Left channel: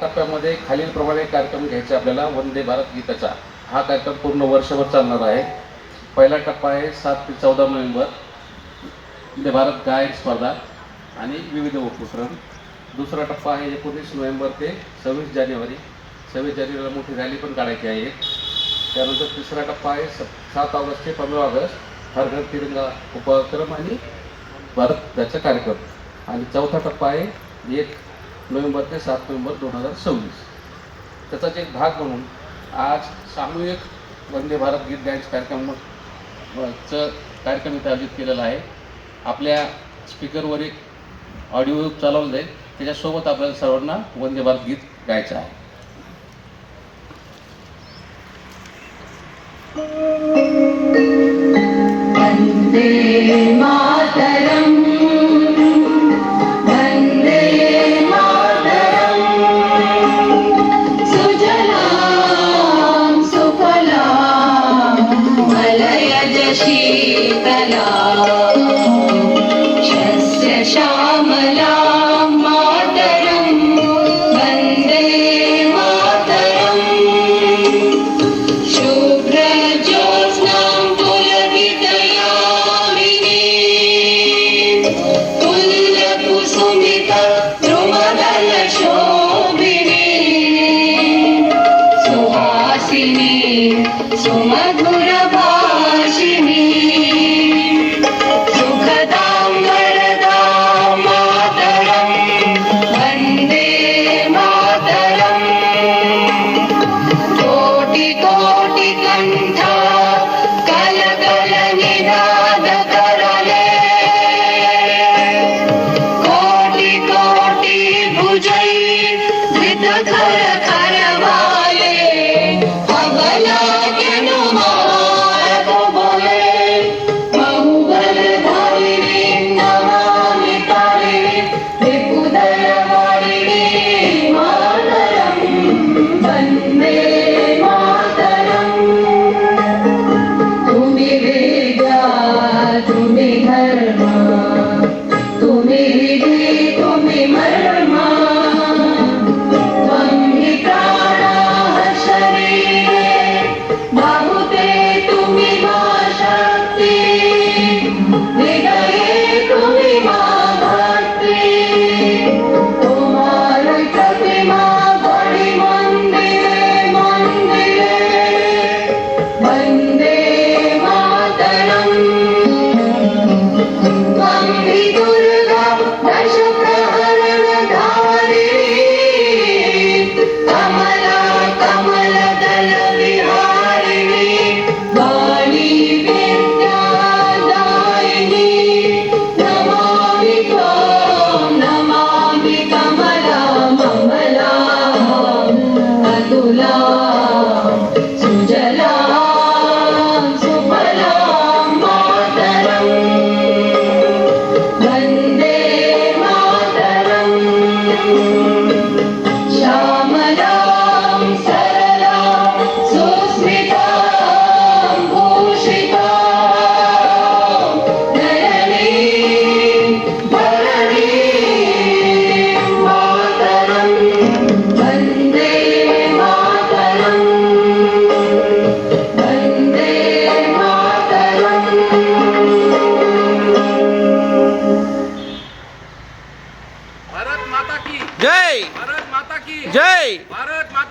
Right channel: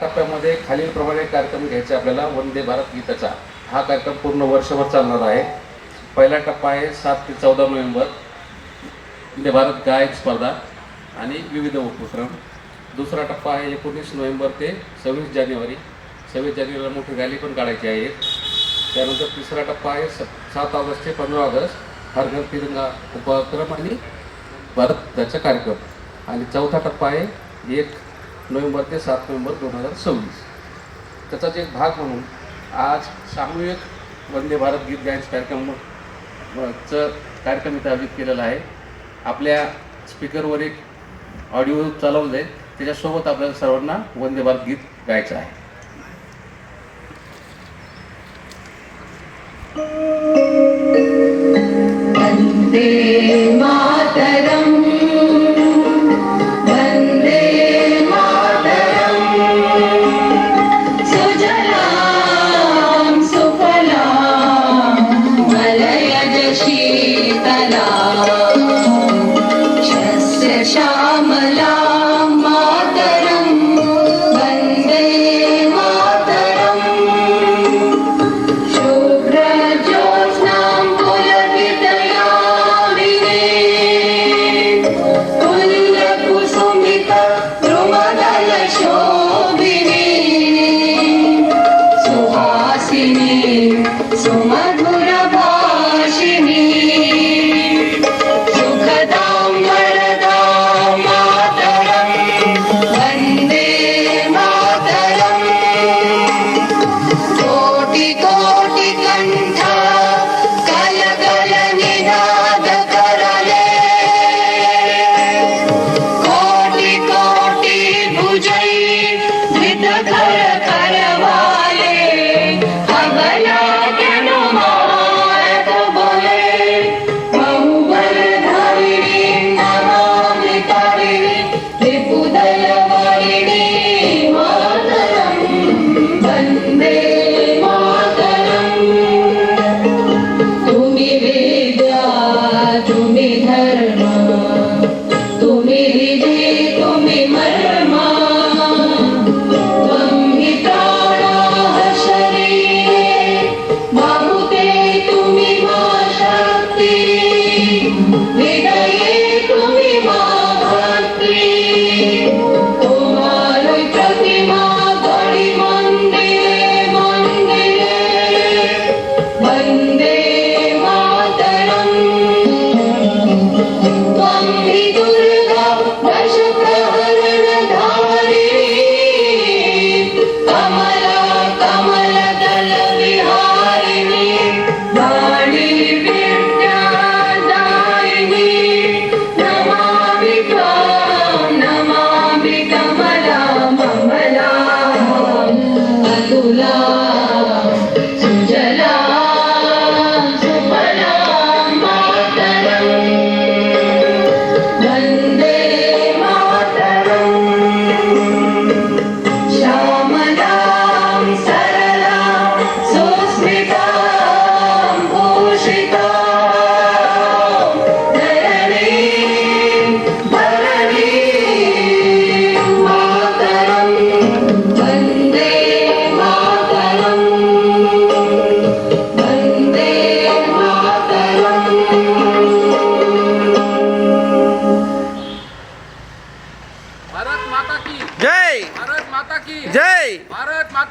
टप्प्यामध्ये खालीलप्रमाणे कार्यक्रम घ्यायचे आपल्याला. वंदे भारत गीताचा हा कार्यक्रम पूर्ण वर्षभर चालणार आहे. पहिला टप्पा आहे 7 ते 14 नोव्हेंबर वंदे भारत गायन स्पर्धा आणि विविध उपक्रम. दुसरा टप्पा आहे 19 नोव्हेंबर ते 26 जानेवारी. 26 जानेवारीला मोठी रॅली पण काढायची आहे. त्यानंतर तिसरा टप्पा आहे 7 ऑगस्ट ते 15 ऑगस्ट हर घर तिरंगा उपक्रम आणि भारताचा कार्यक्रम. आणि चौथा टप्पा आहे 1 नोव्हेंबर ते 7 नोव्हेंबर 2026. त्याचाच एक भाग म्हणून आज सामूहिक वंदे भारत गीत गायन कार्यक्रम इथं आयोजित केलेला आहे. आपल्या स्पीकरवर एक ऑडिओ चालवलं जाईल, त्याच्यासोबत आपल्याला सर्वांना वंदे भारत गीत गायचं आहे. वंदे मातरम वंदे मातरम सुजलां सुफलां मलयज शीतलां शस्य श्यामलां मातरं वंदे मातरम शुभ्रज्योत्स्नां पुलकितयामिनीं पुल्लकुसुमिता ध्रुवदलशोभिनीं सुहासिनीं सुमधुरभाषिणीं सुखदां वरदां मातरं वन्दे मातरम् कोटि कोटि कंठ कल कल निनाद करले कोटि कोटि भुजै धृत धर करवाले अबला तनुमारत बोले बहुबल धारिणी नमामि तारिणी विपुदल वारिणी मातरं वन्दे मातरम् तुम्ही वेद तुम्ही धर्म तुम्ही हृदय तुम्ही मर्म त्वं हि प्राणः शरीरे बहुते तुम्ही मा शक्ति हृदये तुम्ही मा भक्ति तुम्हारी प्रतिमा बड़ी मंदिरे मंदिरे वंदे मातरम त्वं हि दुर्गा दशप्रहरणधारिणी कमला कमलदल विहारिणी वाणी विद्यादायिनी नमामि त्वां नमामि कमला ममला अतुला सुजला सुफला मातरं वन्दे मातरम् श्यामलां सरलां सुस्मितां भूषितां धरणीं धरणीं मातरं वन्दे मातरम् वन्दे मातरम्. भारत माता की जय भारत माता की जय भारत माता